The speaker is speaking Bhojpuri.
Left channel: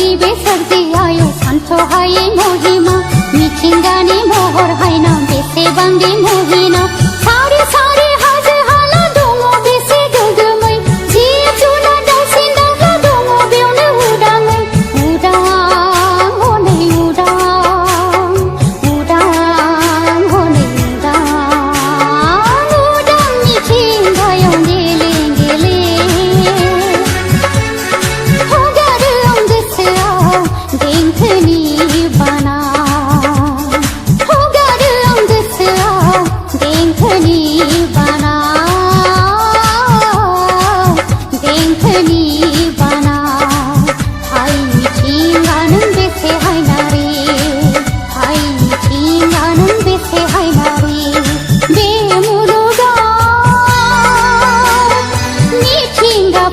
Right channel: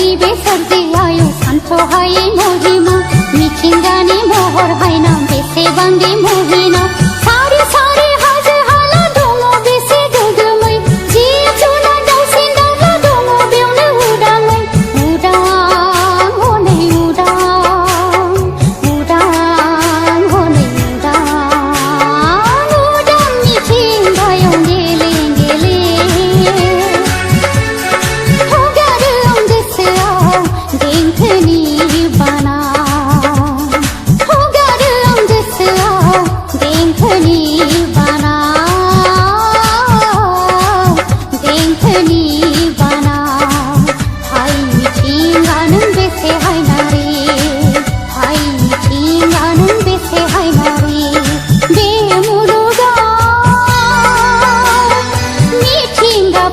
नैबे सोरजियाव सानथ्र'हायै महिमा मिथिंगानि महर हायना बेसेबांदि मुहिना सारि सारि हाजो हाला दङ बेसे गोग्गोमै जिब जुनार दाउसिन दाउला दङ बेयावनो उदाङै उदां हनै उदां उदां हनै उदां उदां मिथिंगायाव गेले गेले हगारो आं गोसोआव देंखोनि बाना हगारो आं गोसोआव देंखोनि बाना देंखोनि बाना हाय मिथिंगा नों बेसे हायनारि हाय मिथिंगा नों बेसे हायनारि बे मुलुगाव मिथिंगा